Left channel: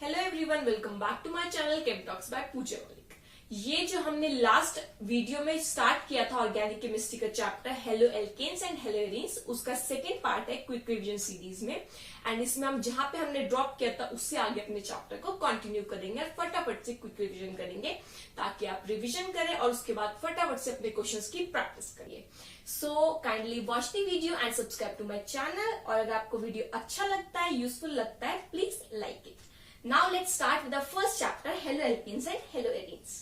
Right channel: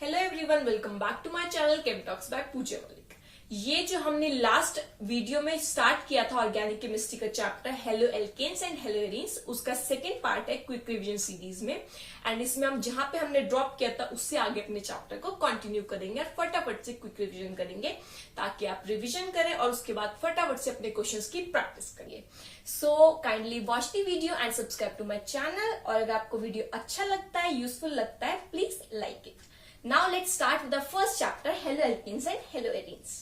Hello everyone, welcome back to my channel chem talks by Pooja Malik. ये जो हमने last video में स्टार्ट किया था ऑर्गेनिक केमिस्ट्री का chapter haloalkanes and haloarenes, उसका सेकंड पार्ट है क्विक रिवीजन सीरीज में। एंड इसमें हम जहां पे हमने ड्रॉप किया था उससे आगे अपने चैप्टर को कंटिन्यू करेंगे और फटाफट से क्विक रिवीजन करेंगे ताकि आप रिवीजन करें और उसके बाद फटाफट से अपने क्वेश्चंस की प्रैक्टिस करिए। So kindly watch the video and subscribe to my channel. और अगर आपको वीडियो अच्छा लगता है, यूजफुल लगता है, please like it. Now let's start with the first chapter, haloalkenes and haloarenes.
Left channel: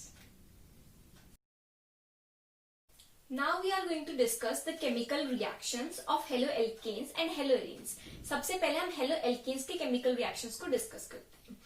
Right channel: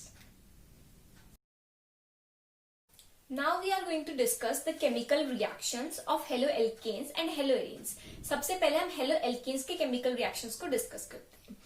Now we are going to discuss the chemical reactions of haloalkenes and haloarenes. सबसे पहले हम haloalkenes के chemical reactions को discuss करते हैं।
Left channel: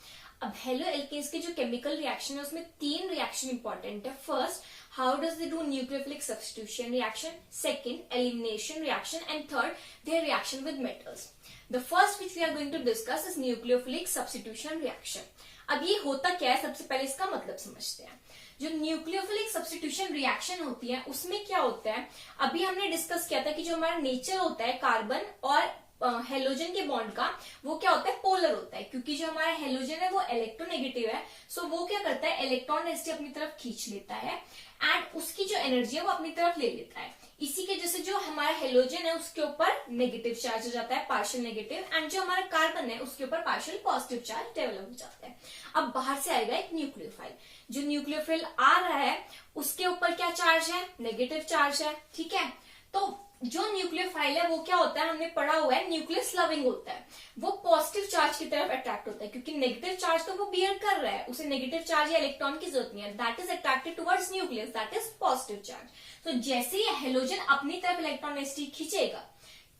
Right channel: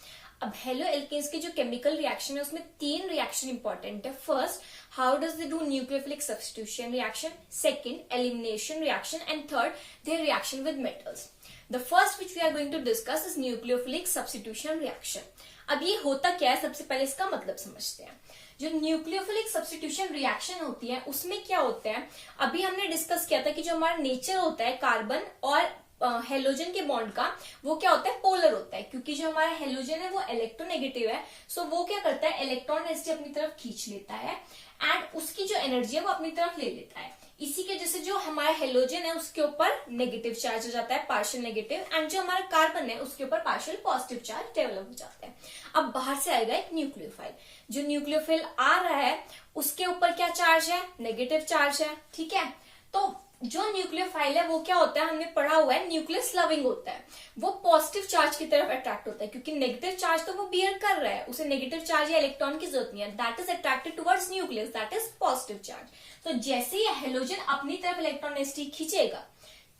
अब haloalkenes के जो chemical reaction है उसमें तीन reaction important है। First, how does they do nucleophilic substitution reaction? Second, elimination reaction, and third, their reaction with metals. The first which we are going to discuss is nucleophilic substitution reaction. अब ये होता क्या है, सबसे पहले इसका मतलब समझते हैं। जो न्यूक्लियोफिलिक सब्स्टिट्यूशन रिएक्शन होती है उसमें क्या होता है, अभी हमने डिस्कस किया था कि जो हमारा नेचर होता है कार्बन और हेलोजन के बॉन्ड का, वो क्या होता है, पोलर होता है। क्योंकि जो हमारा हेलोजन है वो इलेक्ट्रोनेगेटिव है, सो वो क्या करता है, इलेक्ट्रॉन एनर्जी अपनी तरफ खींच लेता है एंड उसकी जो एनर्जी है वो अपनी तरफ ले लेता है। इसी के जैसे जो हमारा हेलोजन है उसके ऊपर नेगेटिव चार्ज हो जाता है, पार्शियल नेगेटिव, एंड जो हमारा कार्बन है उसके ऊपर पार्शियल पॉजिटिव चार्ज डेवलप हो जाता है। अब बाहर से आएगा एक न्यूक्लियोफाइल। जो न्यूक्लियोफाइल आ रहा है उसके ऊपर क्या चार्ज है, नेगेटिव चार्ज है, ठीक है। तो जो न्यूक्लियोफाइल है वो क्या होता है, हमने पढ़ा हुआ है न्यूक्लियस लविंग होता है। वो पॉजिटिव चार्ज की तरफ अट्रैक्ट होता है क्योंकि नेगेटिव चार्ज तो वो बियर कर रहा है, उसे नेगेटिव चार्ज या इलेक्ट्रॉन की जरूरत नहीं है। That is attracted towards nucleus, that is positive charge. तो जैसे ही हेलोजन अपनी तरफ इलेक्ट्रॉन नेगेटिव खींचेगा,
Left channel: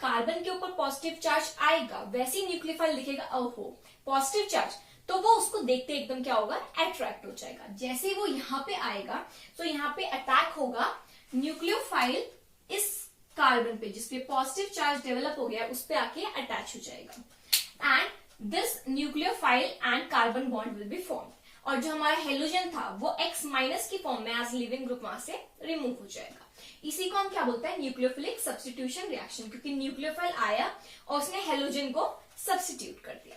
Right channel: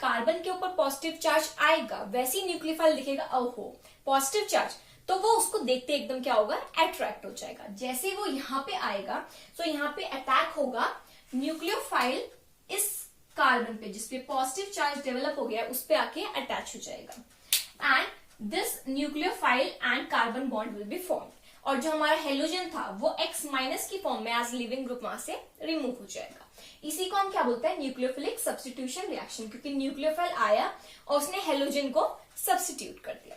कार्बन के ऊपर पॉजिटिव चार्ज आएगा, वैसे ही न्यूक्लियोफाइल दिखेगा, ओहो पॉजिटिव चार्ज, तो वो उसको देखते एकदम क्या होगा, अट्रैक्ट हो जाएगा। जैसे ही वो यहाँ पे आएगा तो यहाँ पे अटैक होगा न्यूक्लियोफाइल इस कार्बन पे जिसपे पॉजिटिव चार्ज डेवलप हो गया उस पे आके अटैच हो जाएगा and this nucleophile and carbon bond will be formed. और जो हमारा हेलोजन था वो X माइनस की फॉर्म में एज लिविंग ग्रुप वहां से रिमूव हो जाएगा। इसी को हम क्या बोलते हैं, न्यूक्लियोफिलिक सब्स्टिट्यूशन रिएक्शन, क्योंकि न्यूक्लियोफाइल आया और उसने हेलोजन को सब्स्टिट्यूट कर दिया।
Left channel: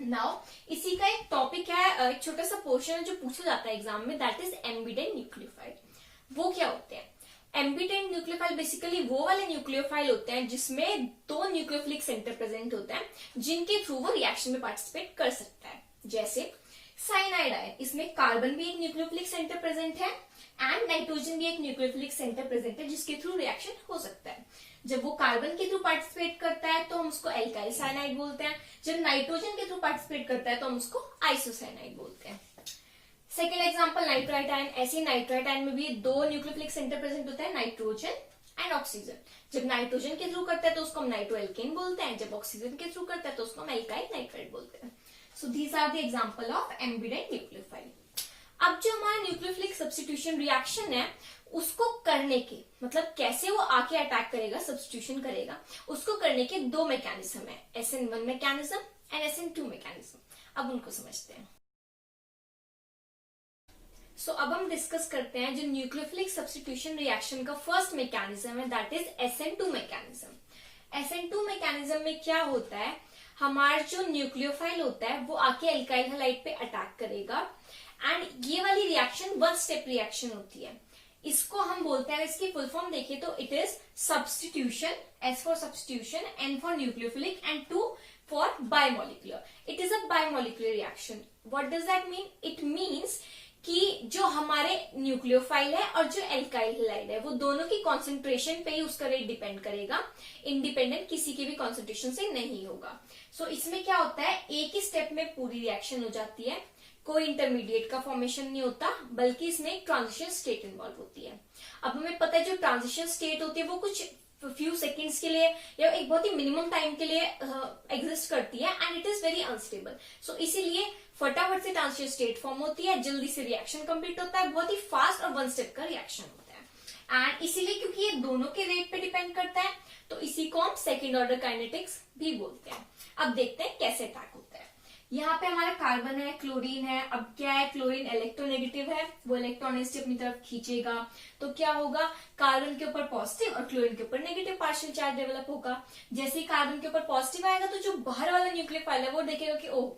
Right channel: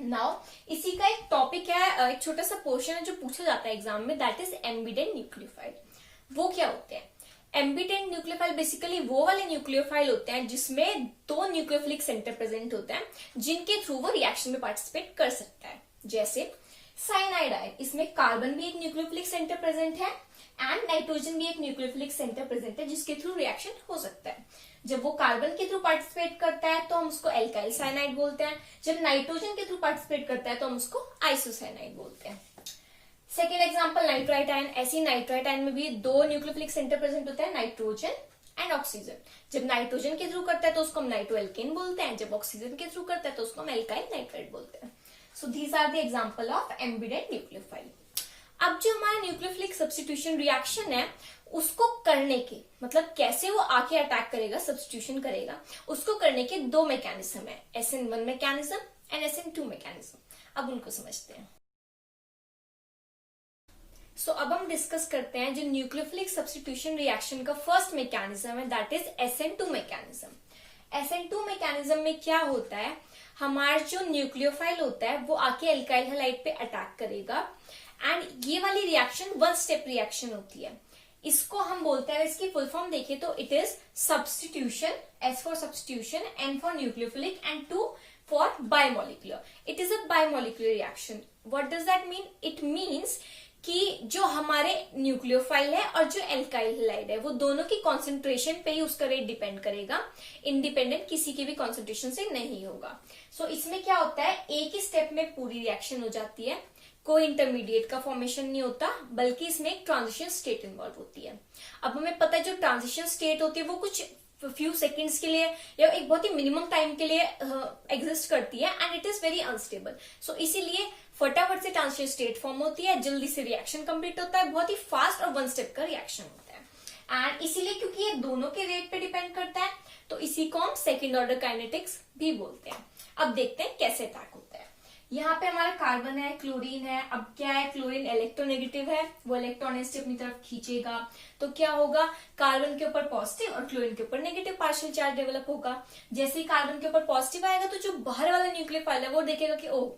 नाउ इसी का एक टॉपिक है, एक छोटा सा पोर्शन है जो पूछा जाता है एग्जाम में, दैट इज एम्बिडेंट न्यूक्लियोफाइल। वो क्या होते हैं, एम्बिडेंट न्यूक्लियोफाइल बेसिकली वो वाले न्यूक्लियोफाइल होते हैं जिसमें दो न्यूक्लियोफिलिक सेंटर प्रेजेंट होता है जिनके थ्रू वो रिएक्शन में पार्टिसिपेट कर सकता है। जैसे साइनाइड आयन, इसमें कार्बन भी एक न्यूक्लियोफिलिक सेंटर प्रेजेंट है एंड नाइट्रोजन भी एक न्यूक्लियोफिलिक सेंटर प्रेजेंट है जिसके थ्रू रिएक्शन हो सकता है। जब वो कार्बन के थ्रू पार्टिसिपेट करता है तो हम उसको एल्काइल साइनाइड बोलते हैं, जब नाइट्रोजन के थ्रू पार्टिसिपेट करता है तो हम उसको आइसोसाइनाइड बोलते हैं। Second example nitrite ion. ऐसी नाइट्राइट आयन में भी दो न्यूक्लियोफिलिक सेंटर प्रेजेंट होता है, नाइट्रोजन एंड ऑक्सीजन। जब नाइट्रोजन के थ्रू करता है तो उसको हम नाइट्रोएल्केन बोलते हैं, जब ऑक्सीजन के थ्रू करता है तो उसको हम एल्काइल नाइट्राइट बोलते हैं। So these are the example of ambident nucleophile. अब जो हमारा न्यूक्लियोफिलिक सब्स्टिट्यूशन रिएक्शन है उसको करने के, मतलब कैसे वो आके अटैक करेगा, सब्स्टिट्यूशन करेगा, उसको करने के दो मैकेनिज्म है, SN1 mechanism and SN2 mechanism. अब उनको समझते हैं। सो अब हम डिस्कस करते हैं जो न्यूक्लियोफिलिक सब्स्टिट्यूशन रिएक्शन का फर्स्ट मैकेनिज्म है, that is SN2 mechanism. SN2 mechanism में क्या होता है, हमारा जो न्यूक्लियोफाइल होता है वो आके एल्काइल हैलाइड पे अटैक करेगा एंड ये वाली रिएक्शन वन स्टेप रिएक्शन होती है। इसको हम बोलते हैं, इसकी फुल फॉर्म देखिए तो it is substitution, S for substitution, N for nucleophilic and 2 for biomolecular. It is a biomolecular reaction. What does that mean, it means कि जो हमारे न्यूक्लियोफाइल है और जो एल्काइल हैलाइड है वो दोनों की कॉन्सेंट्रेशन पे ही उसका रेट डिपेंड करेगा, इंडिपेंडेंट किसी की भी कॉन्सेंट्रेशन से नहीं होगा। सो इसमें क्या होता है, एक ही स्टेप में पूरी रिएक्शन हो जाती है, कोई इंटरमीडिएट का फॉर्मेशन नहीं होता, बल्कि इसमें एक ट्रांजिशन स्टेट इन्वॉल्व होती है। अब हमें पता है जो ट्रांजिशन स्टेट होती है वो कुछ फ्यू सेकेंड्स के लिए या एक बहुत ही मिनिमम टाइम के लिए एग्जिस्ट करती है and it is very unstable. So इसीलिए फटाफट से ट्रांजिशन स्टेट फॉर्म होती है, जल्दी से रिएक्शन कंप्लीट होता है, बहुत ही फास्ट और वन स्टेप का रिएक्शन होता है। एंड इसीलिए क्योंकि ये दोनों के रेट पे डिपेंड करता है तो इसी को हम सेकेंड ऑर्डर काइनेटिक्स भी बोलते हैं। अब देखते हैं कैसे अटैक होता है। यहाँ पे हमारा कार्बन है, क्लोरीन है। अब क्या है, क्लोरीन इलेक्ट्रोनेगेटिव है, वो इलेक्ट्रॉन इसे अपनी तरफ खींचेगा, तो क्या होगा, कार्बन के ऊपर पॉजिटिव और क्लोरीन के ऊपर नेगेटिव पार्शियल चार्ज डेवलप होगा। जैसे ही कार्बन के ऊपर पॉजिटिव आएगा तो जो बाहर वाला न्यूक्लियोफाइल है वो देखेगा कि ओह,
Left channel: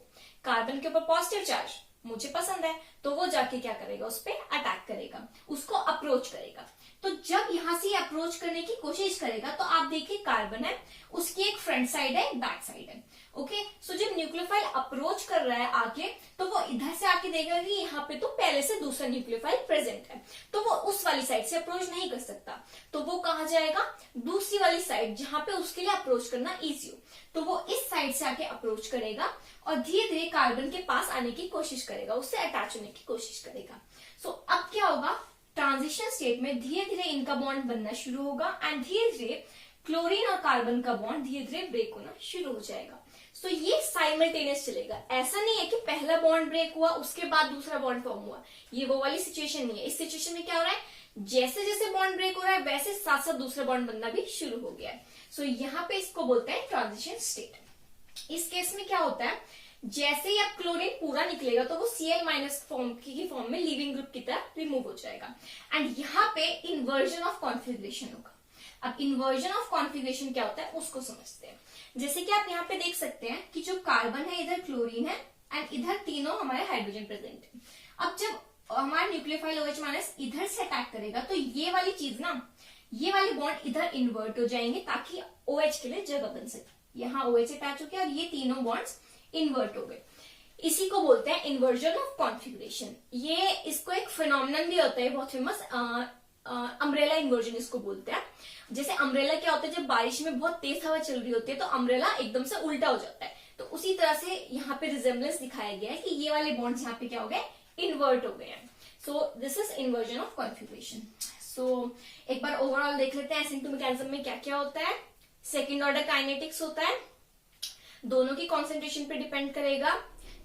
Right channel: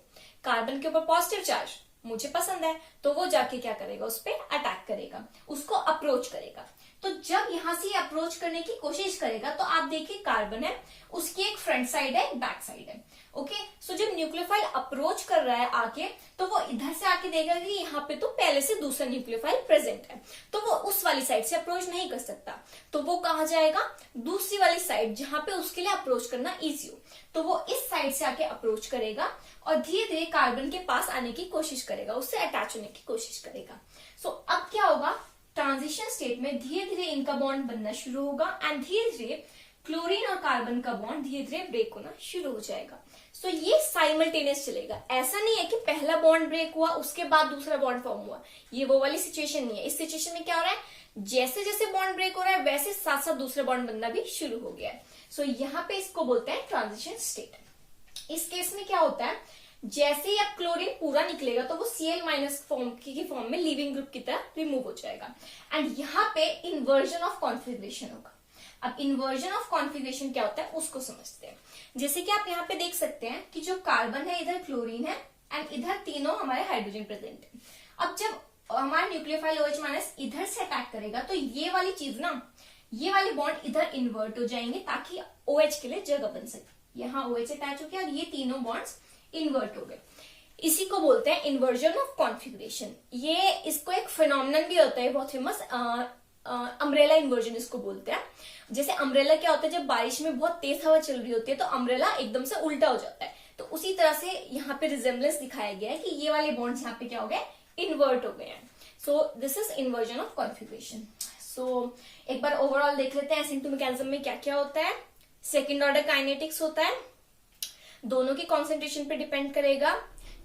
कार्बन के ऊपर पॉजिटिव चार्ज मुझे पसंद है, तो वो जाके क्या करेगा, उस पर अटैक करेगा, उसको अप्रोच करेगा। तो जब यहां से अप्रोच करने की कोशिश करेगा तो आप देखिए कार्बन है, उसकी एक फ्रंट साइड है, बैक साइड है। ओके, सो जब न्यूक्लियोफाइल अप्रोच कर रहा है आके, तो वो इधर से आके देखेगा कि यहाँ पे तो पहले से दूसरा न्यूक्लियोफाइल प्रेजेंट है, तो वो उस वाली साइड से अप्रोच नहीं कर सकता, तो वो कहाँ जाएगा, दूसरी वाली साइड जहां पे उसके लिए अप्रोच करना इजी हो, तो वो इस साइड से आके अप्रोच करेगा और धीरे धीरे कार्बन के पास आने की कोशिश करेगा, उससे अटैच होने की कोशिश करेगा। सो अब क्या होगा, ट्रांजिशन स्टेट में धीरे धीरे इनका बॉन्ड बनना शुरू होगा एंड धीरे धीरे क्लोरीन और कार्बन का बॉन्ड धीरे धीरे ब्रेक होना शुरू हो जाएगा। सो ये साइमल्टेनियस चलेगा, ऐसा नहीं है कि पहला बॉन्ड ब्रेक हुआ उसके बाद दूसरा बॉन्ड फॉर्म हुआ, ये वो वाली सिचुएशन नहीं है। इस सिचुएशन में क्या हो रहा है, जैसे जैसे बॉन्ड ब्रेक हो रहा है वैसे साथ साथ दूसरा बॉन्ड बनना भी शुरू हो गया है। सो यहाँ पे इसको बोलते हैं ट्रांजिशन स्टेट। इस केस में क्या होता है, जैसे ही अब क्लोरीन पूरा निकलेगा तो वो Cl- फॉर्म की फॉर्म में लिविंग ग्रुप की तरह रिमूव हो जाएगा एंड यहाँ पे इन्वर्जन ऑफ कॉन्फिगरेशन होगा। अब इन्वर्जन ऑफ कॉन्फिगरेशन क्या होता है उसको समझते हैं। जैसे कि आप यहाँ पे देख सकते हैं कि जो कार्बन है इधर क्लोरीन है एंड इधर तीनों हमारे हाइड्रोजन प्रेजेंट है। अब जब हमारा न्यूक्लियोफाइल OH- इधर से अटैक करेगा तो ये वाली चीज ना, ये वाले बॉन्ड इधर इन्वर्ट हो जाएंगे ताकि OH के लिए जगह बन सके। यहाँ OH अटैच हो गया और ये तीनों बॉन्ड्स इन्वर्ट हो गए, इसी को बोलते हैं इन्वर्जन ऑफ कॉन्फिगरेशन। ये इसको एक फिनोमिनन भी होता है बहुत फेमस, अम्ब्रेला इन्वर्जन इसको बोलते हैं। जैसे अम्ब्रेला क्या होता है, जब बारिश में बहुत तेज हवा चल रही होती है तो अम्ब्रेला एकदम से उल्टा हो जाता है, तो उसी तरह से यहाँ पे रिजेम्बलेंस दिखाया गया है कि ये वाले बॉन्ड्स यहाँ पे क्या हो गए, इन्वर्ट हो गए हैं। So this is inversion of configuration. So एक बार ओवरऑल देख लेते हैं SN2 मैकेनिज्म में क्या क्या होता है। सेकेंड ऑर्डर काइनेटिक्स होता है, दोनों की कॉन्सेंट्रेशन पे डिपेंड करेगा,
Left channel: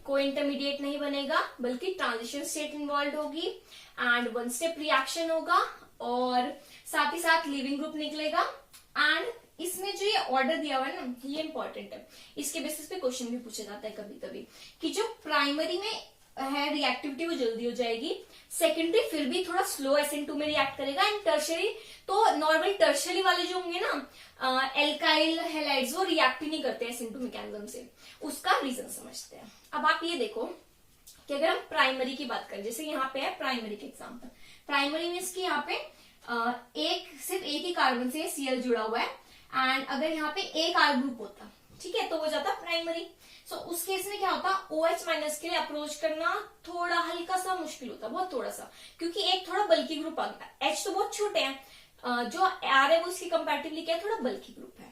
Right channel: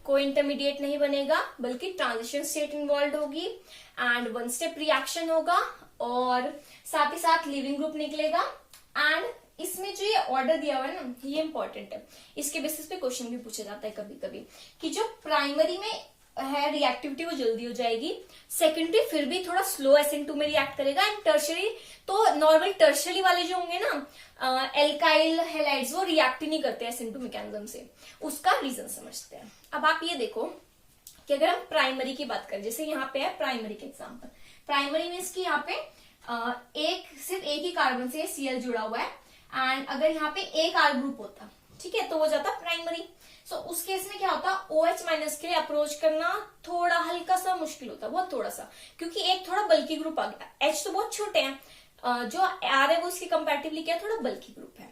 कोई इंटरमीडिएट नहीं बनेगा बल्कि ट्रांजिशन स्टेट इन्वॉल्व होगी एंड वन स्टेप रिएक्शन होगा और साथ ही साथ लिविंग ग्रुप निकलेगा। एंड इसमें जो ये ऑर्डर दिया हुआ है ना, ये इंपॉर्टेंट है, इसके बेसिस पे क्वेश्चन भी पूछा जाता है कभी कभी कि जो प्राइमरी में है रिएक्टिविटी वो जल्दी हो जाएगी, सेकेंडरी फिर भी थोड़ा स्लो SN2 में रिएक्ट करेगा एंड टर्शरी तो नॉर्मल टर्शरी वाले जो होंगे ना एल्काइल हैलाइड्स वो रिएक्ट ही नहीं करते SN2 मैकेनिज्म से, उसका रीजन समझते हैं। अब आप ये देखो कि अगर हम प्राइमरी की बात करें, जैसे यहाँ पे है प्राइमरी के एग्जाम्पल, प्राइमरी मीन्स की यहाँ पे सिर्फ एक ही कार्बन से Cl जुड़ा हुआ है एंड अगर यहाँ पे एक R ग्रुप होता, ठीक है, तो वो जाता प्राइमरी। सो उस केस में क्या होता, OH- के लिए अप्रोच करना थोड़ा हल्का सा मुश्किल होता, बहुत थोड़ा सा, क्योंकि एक थोड़ा बल्कि ग्रुप आ गया। H तो बहुत छोटे हैं, जो R है वो उसके कंपैरेटिवली क्या थोड़ा बल्कि ग्रुप है,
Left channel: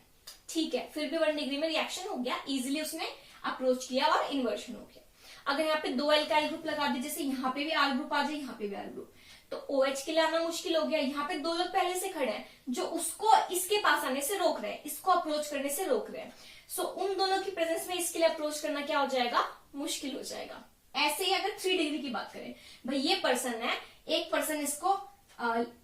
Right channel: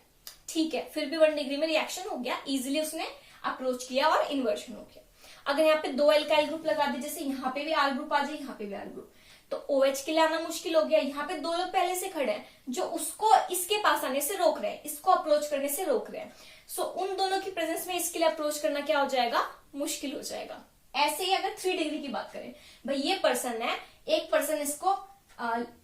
ठीक है, फिर भी 1 डिग्री में रिएक्शन हो गया, इजिली उसने अप्रोच किया और इन्वर्जन हो गया। अगर यहाँ पे 2 एल्काइल ग्रुप लगा दे, जैसे यहाँ पे भी R ग्रुप आ जाए, यहाँ पे भी R ग्रुप, तो OH के लिए आना मुश्किल हो गया। यहाँ पे 2 लोग पहले से खड़े हैं जो उसको इसके पास आने से रोक रहे हैं, इसको अप्रोच करने से रोक रहे हैं। सो उन दोनों की प्रेजेंस में इसके लिए अप्रोच करना क्या हो जाएगा, मुश्किल हो जाएगा। ऐसे ही अगर 3 डिग्री की बात करें, भाई ये पर्सन है, एक पर्सन इसको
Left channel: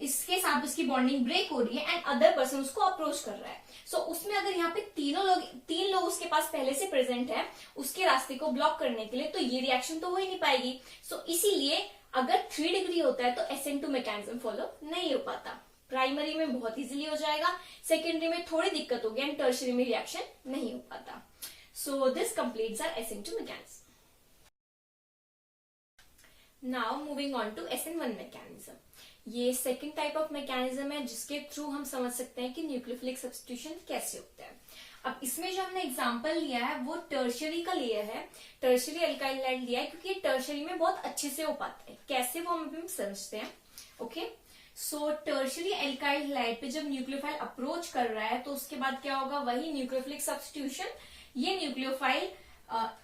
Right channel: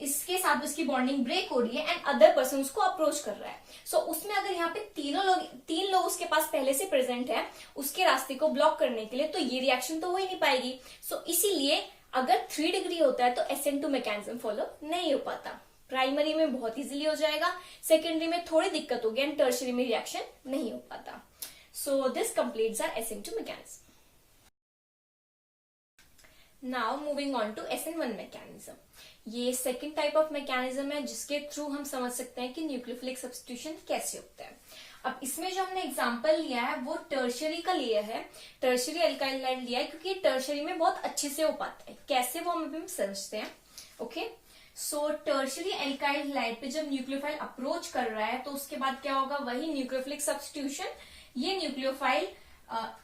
इसके साथ उसकी बॉन्डिंग ब्रेक हो रही है एंड अदर पर्सन उसको अप्रोच कर रहा है। सो उसमें अगर यहाँ पे 3 लोग उसके पास पहले से प्रेजेंट है उसके रास्ते को ब्लॉक करने के लिए, तो ये रिएक्शन तो हो ही नहीं पाएगी। सो इसीलिए अगर 3 डिग्री होता है तो SN2 मैकेनिज्म फॉलो नहीं हो पाता। प्राइमरी में बहुत इजीली हो जाएगा, सेकेंडरी में थोड़ी दिक्कत होगी एंड टर्शरी में रिएक्शन नहीं हो पाता। So this completes our SN2 mechanism. Now moving on to SN1 mechanism. ये सेकेंड टाइप ऑफ मैकेनिज्म है जिसके थ्रू हम समझ सकते हैं कि न्यूक्लियोफिलिक सब्स्टिट्यूशन कैसे होता है। अब इसमें जो हमने एग्जांपल लिया है वो टर्शरी का लिया है, टर्शरी अल्काइल हैलाइड लिया है, क्योंकि टर्शरी में बहुत अच्छे से हो पाता है। कैसे वो हम अभी समझते हैं। ओके, सो टर्शरी अल्काइल हैलाइड पे जब न्यूक्लियोफाइल अप्रोच कर रहा है तो उसके बाद क्या होगा, वही न्यूक्लियोफिलिक सब्स्टिट्यूशन, ये न्यूक्लियोफाइल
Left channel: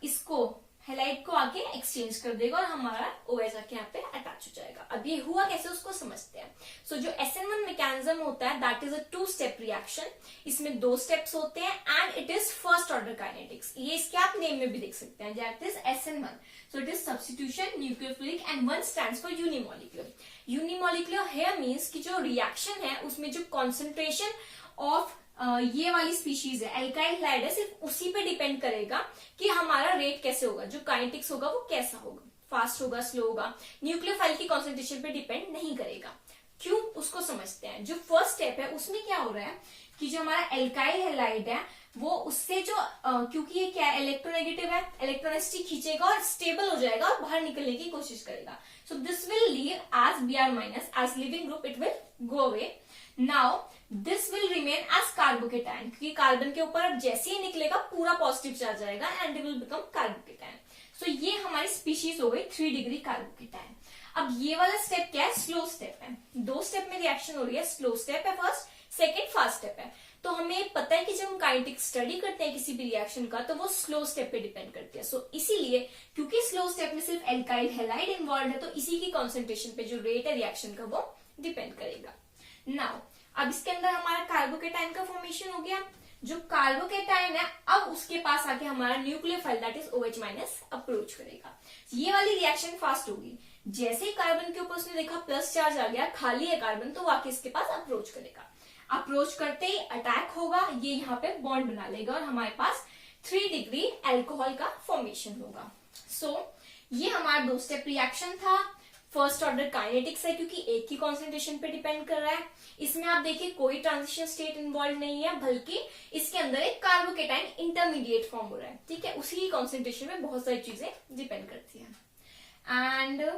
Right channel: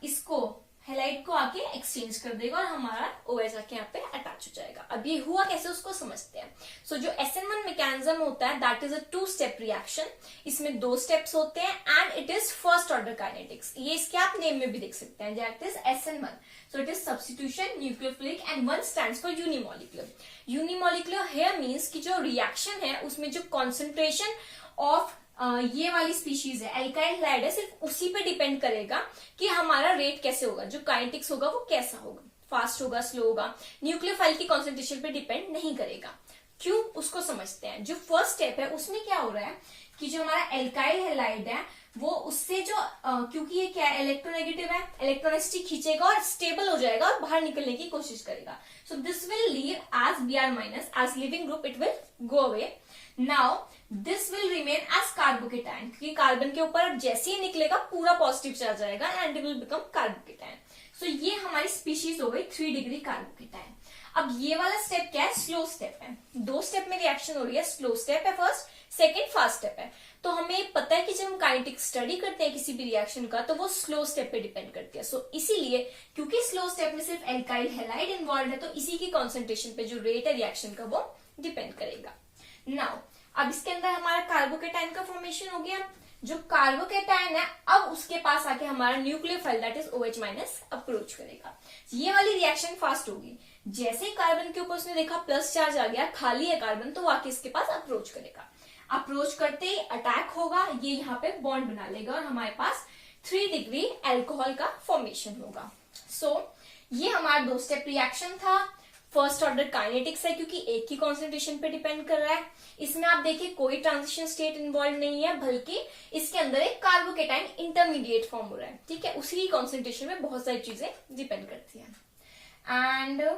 इसको हैलाइड को आके एक्सचेंज कर देगा और हमारा OH आके यहाँ पे अटैच हो जाएगा। अब ये हुआ कैसे उसको समझते हैं। सो जो SN1 मैकेनिज्म होता है that is a 2 step reaction. इसमें 2 स्टेप्स होते हैं and it is first order kinetics. ये इसके आप नेम में भी देख सकते हैं, that is SN1। So it is substitution nucleophilic and 1 stands for unimolecular. Unimolecular here means की जो रिएक्शन है उसमें जो कॉन्सेंट्रेशन ऑफ ये वाली स्पीशीज है, एल्काइल हैलाइड है, सिर्फ उसी पे डिपेंड करेगा कि हमारा रेट कैसे होगा, जो काइनेटिक्स होगा वो कैसा होगा, फास्ट होगा, स्लो होगा, न्यूक्लियोफाइल की कॉन्सेंट्रेशन पे डिपेंड नहीं करेगा। क्यों, उसको समझते हैं। जो फर्स्ट स्टेप है उसमें क्या हो रहा है कि जो हमारा एल्काइल हैलाइड है वो उससे जो क्योंकि ये क्या है, इलेक्ट्रोनेगेटिव है, इलेक्ट्रोनेसिटी खींचेगा और स्टेबल हो जाएगा और बाहर निकलने की कोशिश करेगा। So this will leave as Br minus, as leaving group it will go away. Now this will remain as carbocation, क्योंकि कार्बन के ऊपर अब जैसे ही निकलेगा पूरा पॉजिटिव चार्ज आएगा and it will become carbocation. So ये हमारी स्पीशीज हो गई 3 डिग्री कार्बोकेटायन। अब ये वाला स्टेप क्या है, स्लो स्टेप है। 2 स्टेप में रिएक्शन हो रही है, स्लो स्टेप है फर्स्ट, सेकेंड फास्ट स्टेप है। तो हमें पता है कि जब हम काइनेटिक स्टडी करते हैं किसी भी रिएक्शन का तो वो स्लो स्टेप पे डिपेंड करती है। सो इसीलिए क्योंकि स्लो स्टेप में सिर्फ एल्काइल हैलाइड इन्वॉल्व है तो इसी की कॉन्सेंट्रेशन पे जो रेट है रिएक्शन का वो डिपेंड करेगा। नाउ अब इसके अंदर हमारा कार्बोकेटायन का फॉर्मेशन हो गया। जो कार्बोकेटायन है अब उसके पास आके हमारा nucleophile that is OH minus approach करेगा। ये वाली रिएक्शन फास्ट होगी। जैसे ही कार्बन के ऊपर उसने देखा प्लस चार्ज आ गया, खाली है कार्बन, तो आके इसके पास अप्रोच करेगा। अप्रोच करते ही अटैक होगा, ये यहाँ पे बॉन्ड बना लेगा और हमारे पास 3 डिग्री एल्कोहल का फॉर्मेशन होगा। सो ये हमारा 2 स्टेप रिएक्शन था। फर्स्ट ऑर्डर काइनेटिक्स है क्योंकि एक ही कॉन्सेंट्रेशन पे डिपेंड कर रहा है। इसमें आप देखिए कोई ट्रांजिशन स्टेट इन्वॉल्व नहीं है, बल्कि इसके अंदर एक कार्बोकेटाइन इंटरमीडिएट फॉर्म हो रहा है। ठीक है, उसी की कॉन्सेंट्रेशन में बहुत सारी चीजें डिपेंड करती हैं। एंड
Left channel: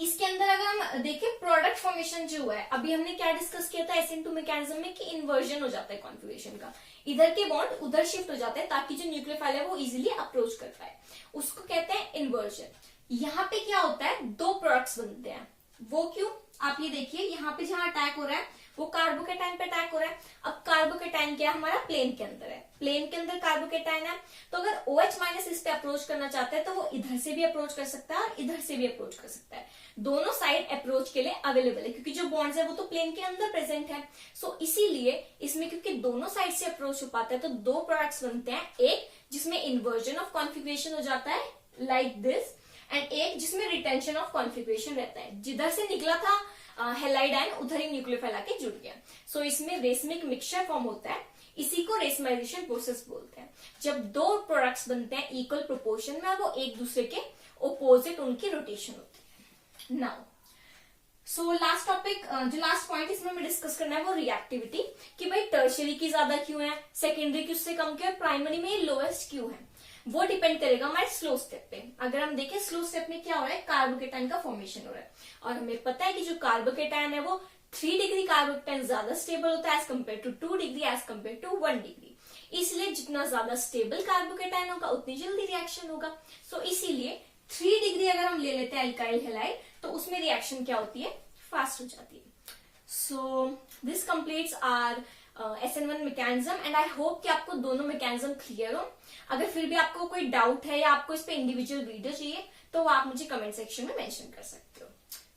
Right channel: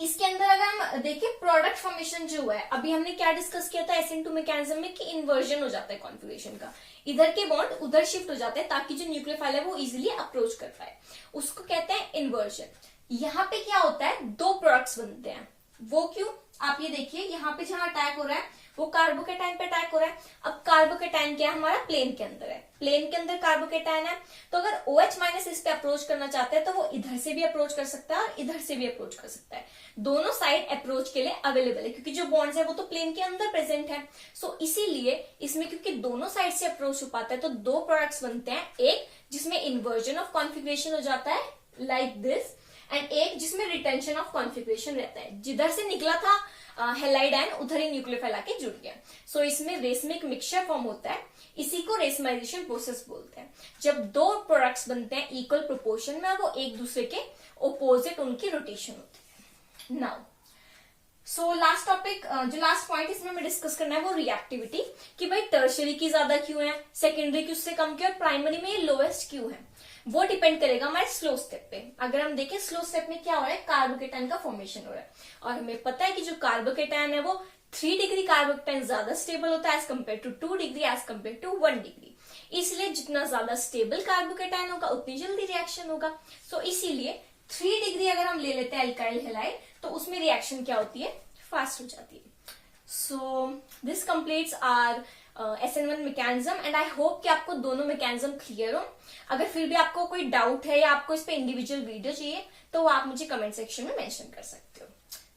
इसके अंदर अगर हम देखें प्रोडक्ट फॉर्मेशन जो है, अभी हमने क्या डिस्कस किया था SN2 मैकेनिज्म में कि इन्वर्जन हो जाता है कॉन्फिगरेशन का, इधर के बॉन्ड उधर शिफ्ट हो जाते हैं ताकि जो न्यूक्लियोफाइल है वो इजिली अप्रोच कर पाए, उसको कहते हैं इन्वर्जन। यहाँ पे क्या होता है, 2 प्रोडक्ट्स बनते हैं। वो क्यों, आप ये देखिए यहाँ पे जहां अटैक हो रहा है वो कार्बोकेटाइन पे अटैक हो रहा है। अब कार्बोकेटाइन क्या है, हमारा प्लेन के अंदर है, प्लेन के अंदर कार्बोकेटाइन है, तो अगर OH माइनस इस पे अप्रोच करना चाहता है तो वो इधर से भी अप्रोच कर सकता है और इधर से भी अप्रोच कर सकता है। दोनों साइड अप्रोच के लिए अवेलेबल है क्योंकि जो बॉन्ड्स है वो तो प्लेन के अंदर प्रेजेंट है। सो इसीलिए इसमें क्योंकि दोनों साइड से अप्रोच हो पाता है तो 2 प्रोडक्ट्स बनते हैं, एक जिसमें इन्वर्जन ऑफ कॉन्फिगरेशन हो जाता है लाइक दिस, एंड एक जिसमें रिटेंशन ऑफ कॉन्फिगरेशन रहता है, जिधर से निकला था हैलाइड आयन उधर ही न्यूक्लियोफाइल आके जुड़ गया। सो इसमें रेसमिक मिक्सचर फॉर्म होता है, इसी को रेसमाइजेशन प्रोसेस बोलते हैं। जब 2 प्रोडक्ट्स बनते हैं इक्वल प्रोपोर्शन में और वो एक दूसरे के ओपोजिट उनकी रोटेशन होती है। नाउ सो लास्ट टॉपिक, जो लास्ट पॉइंट इसमें हमें डिस्कस करना है वो रिएक्टिविटी, कि भाई टर्शियरी की ज्यादा क्यों है, सेकेंडरी की उससे कम क्यों है, प्राइमरी में लोएस्ट क्यों है, वो डिपेंड करेगा हमारे स्लो स्टेप पे। अगर हम देखें स्लो स्टेप में क्या हो रहा है, कार्बोकेटाइन का फॉर्मेशन हो रहा है और हमें पता है कि जो कार्बोकेटाइन है वो 3 डिग्री कार्बोकेटाइन ज्यादा स्टेबल होता है as compared to 2 degree as compared to 1 degree. इसलिए जितना ज्यादा स्टेबल कार्बोकेटाइन होगा उतनी जल्दी रिएक्शन होगा। सो इसीलिए 3 डिग्री अगर हम ले लेते हैं एल्काइल हैलाइड तो उसमें रिएक्शन क्या होती है, फास्ट हो जाती है। So this completes our SN1 mechanism and I hope कि आपको दोनों मैकेनिज्म क्लियर हो। अगर फिर भी आपको कोई डाउट है या आपको इस पे इंडिविजुअल वीडियो चाहिए तो आप मुझे कमेंट सेक्शन में मेंशन कर सकते हो।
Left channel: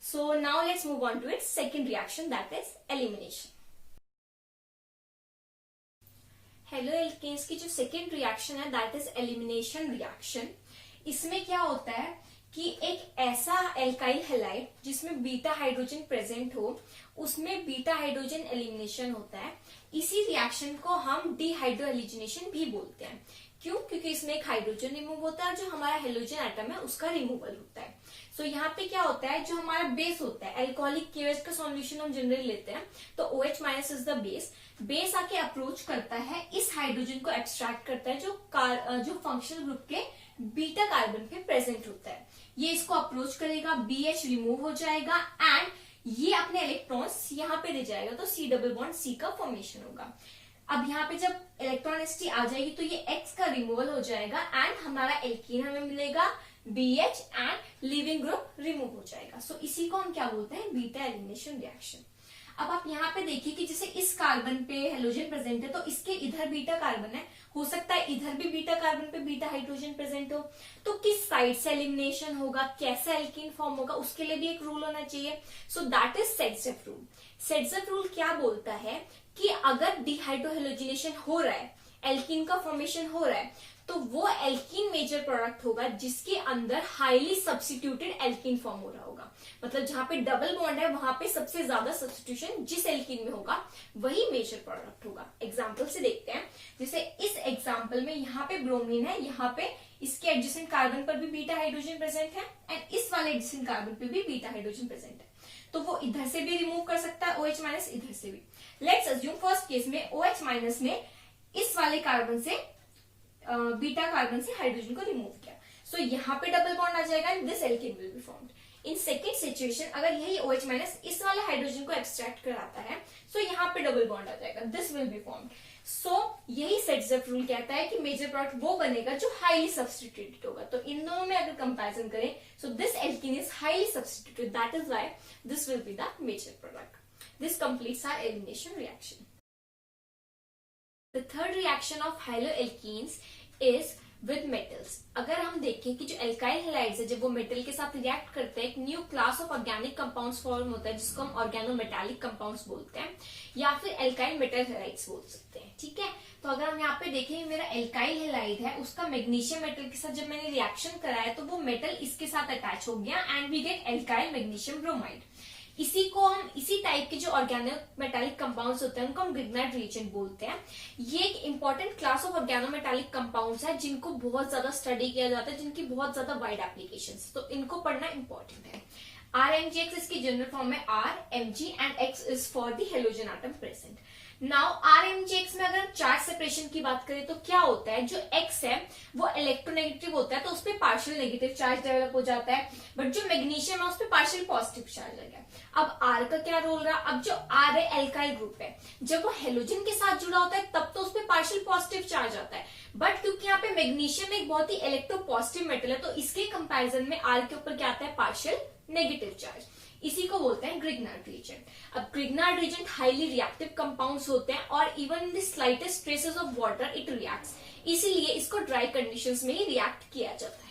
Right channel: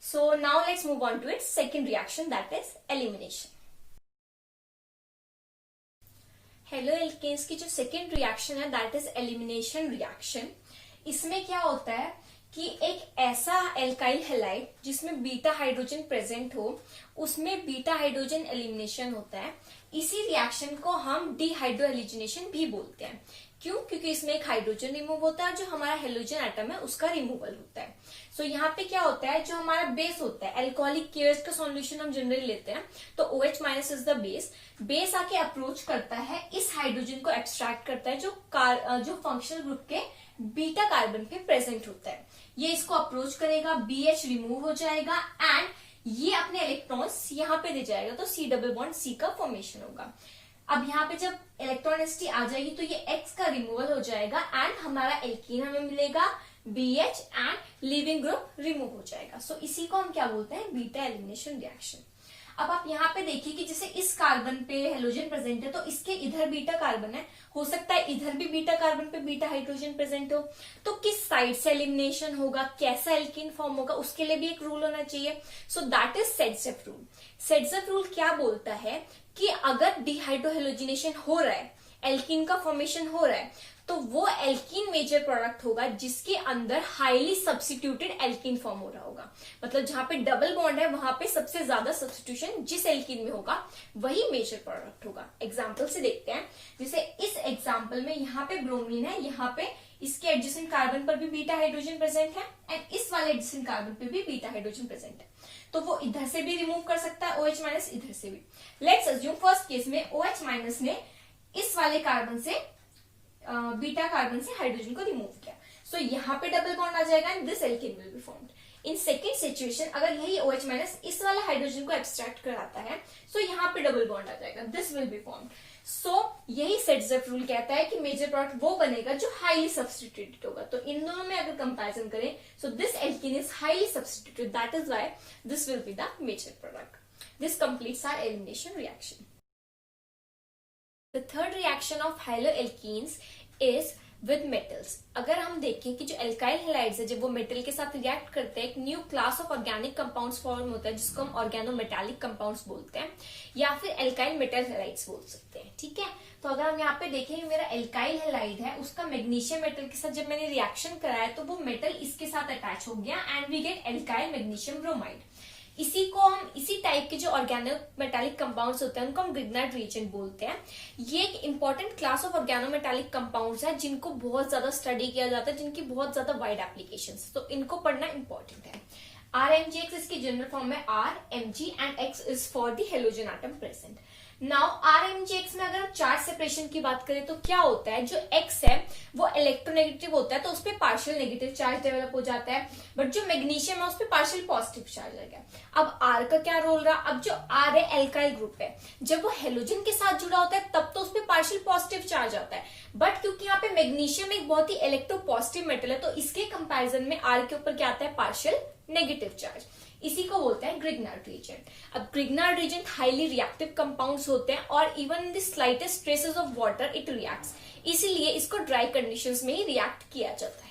So now let's move on to its second reaction that is elimination. Haloalkanes की जो सेकंड रिएक्शन है दैट इज एलिमिनेशन रिएक्शन। इसमें क्या होता है कि एक ऐसा एल्काइल हैलाइड जिसमें बीटा हाइड्रोजन प्रेजेंट हो उसमें बीटा हाइड्रोजन एलिमिनेशन होता है। इसी रिएक्शन को हम डिहाइड्रोएलिजिनेशन भी बोलते हैं। क्यों, क्योंकि इसमें एक हाइड्रोजन रिमूव होता है और जो हमारा हेलोजन एटम है उसका रिमूवल होता है। सो यहाँ पे क्या होता है, जो हमारा बेस होता है, एल्कोहलिक केयर्स का सॉल्यूशन हम जनरली लेते हैं तो OH minus is the base आके अप्रोच करता है, इस हाइड्रोजन को एक्सट्रैक्ट करता है जो फंक्शनल ग्रुप के बीटा कार्बन पे प्रेजेंट होता है। ये इसको अप्रोच करेगा, BH रिमूव हो जाएगा एंड ये अपने इलेक्ट्रॉन्स यहाँ पे दे जाएगा तो C डबल बॉन्ड C का फॉर्मेशन होगा। अब यहाँ पे जब इलेक्ट्रॉनिसिटी आ जाएगी तो ये X का रिमूवल हो जाएगा एंड हमारा एल्कीन हमें मिलेगा, BH and leaving group remove हो जाएगा। सो इसी को हम क्या बोलते हैं, बीटा एलिमिनेशन रिएक्शन। अब आप यहाँ पे देखिए कि जैसे इस कार्बन पे हेलोजन प्रेजेंट है तो इसके इधर बीटा कार्बन है, हो सकता है इधर भी बीटा कार्बन पे बीटा हाइड्रोजन प्रेजेंट हो, तो किस साइड से एलिमिनेशन होगा, कैसा एल्कीन फॉर्म होगा, उसके लिए भी एक रूल होना चाहिए। So that is Saytzeff rule. Saytzeff rule क्या बोलता है कि अगर डिहाइड्रोहेलोजिनेशन हो रहा है, एल्कीन का फॉर्मेशन हो रहा है, तो वो एल्कीन मेजर प्रोडक्ट होगा जिसके अंदर हाईली सब्स्टिट्यूटेड एल्कीन फॉर्म हो रहा होगा। मतलब जहां पे डबल बॉन्ड है वहां पे सबसे ज्यादा सब्स्टिट्यूशन जिस एल्कीन में होगा वही मेजर प्रोडक्ट होगा। एग्जाम्पल से देखते हैं, जैसे इस एग्जाम्पल में यहाँ पे ब्रोमीन है, यहाँ पे इसके एडजेसेंट कार्बन पर भी बीटा हाइड्रोजन प्रेजेंट है एंड इस वाले एडजेसेंट कार्बन पे भी बीटा हाइड्रोजन प्रेजेंट है। तो वो इधर से भी रिमूव कर सकता है OH माइनस, इधर से भी। लेट्स अज्यूम फर्स्ट केस में OH माइनस ने इस वाले कार्बन से बीटा कार्बन से हाइड्रोजन को रिमूव किया, सो यहाँ पे डबल बॉन्ड आ जाएगा and this alkene will be formed. In second situation अगर यही OH माइनस इस वाला हाइड्रोजन को एब्स्ट्रैक्ट कराता है, सो यहाँ पे डबल बॉन्ड आ जाएगा, दिस विल बी फॉर्म्ड। सो यही सेट्सअप रूल कहता है कि मेजर प्रोडक्ट वो बनेगा जो हाईली सब्स्टिट्यूटेड होगा। तो इन दोनों में अगर कंपैरिजन करें, so this alkene is highly substituted, that is why this will be the major product. This completes our elimination reaction. The third reaction of haloalkenes is with metals। अगर हम देखें कि जो एल्काइल हैलाइड्स है जब वो metal के साथ रिएक्ट करते हैं, एक new class of organic compounds form होता है जिसको हम ऑर्गेनोमेटालिक कंपाउंड्स बोलते हैं या फिर एल्काइल मेटल हैलाइड्स बोल सकते हैं। ठीक है, तो अगर हम यहाँ पे देखें मेरा एल्काइल हैलाइड है, उसका मैग्नीशियम मेटल के साथ जब मैंने रिएक्शन कराया तो वो मेटल इसके साथ अटैच हो गया and we get alkyl magnesium bromide. इसी को हम इसी टाइप के जो ऑर्गेनोमेटालिक कंपाउंड्स होते हैं उनको हम ग्रिग्नार्ड रिएजेंट बोलते हैं। ये एक important class of organometallic compounds है जिनको बहुत ज्यादा स्टडी किया जाता है, जिनकी बहुत ज्यादा वाइड एप्लीकेशंस, तो इनको पढ़ना इंपॉर्टेंट है। RMgX इसकी जनरल फॉर्म में RMg and X is for the halogen atom present. Now RMgX में अगर हम चार्ज सेपरेशन की बात करें तो क्या होता है, जो X है वो इलेक्ट्रोनेगेटिव होता है तो उस पर पार्शियल नेगेटिव चार्ज डेवलप हो जाता है, बट जो मैग्नीशियम है उस पर पार्शियल पॉजिटिव चार्ज आ गया। अब R का क्या रोल रहा, अब जो R है एल्काइल ग्रुप है, जब वो हेलोजन के साथ जुड़ा होता है तब तो उस पर पार्शियल पॉजिटिव चार्ज आता है, बट क्योंकि यहाँ पे मैग्नीशियम एक बहुत ही इलेक्ट्रो पॉजिटिव मेटल है तो इसके कंपैरिजन में R के ऊपर क्या आता है, पार्शियल नेगेटिव चार्ज। इसी को बोलते हैं ग्रिग्नार्ड रिएजेंट। अब Grignard reagent highly reactive compounds होते हैं और even in the slightest traces of water it reacts, इसीलिए इसको ड्राई कंडीशंस में ही रिएक्ट किया जाता है।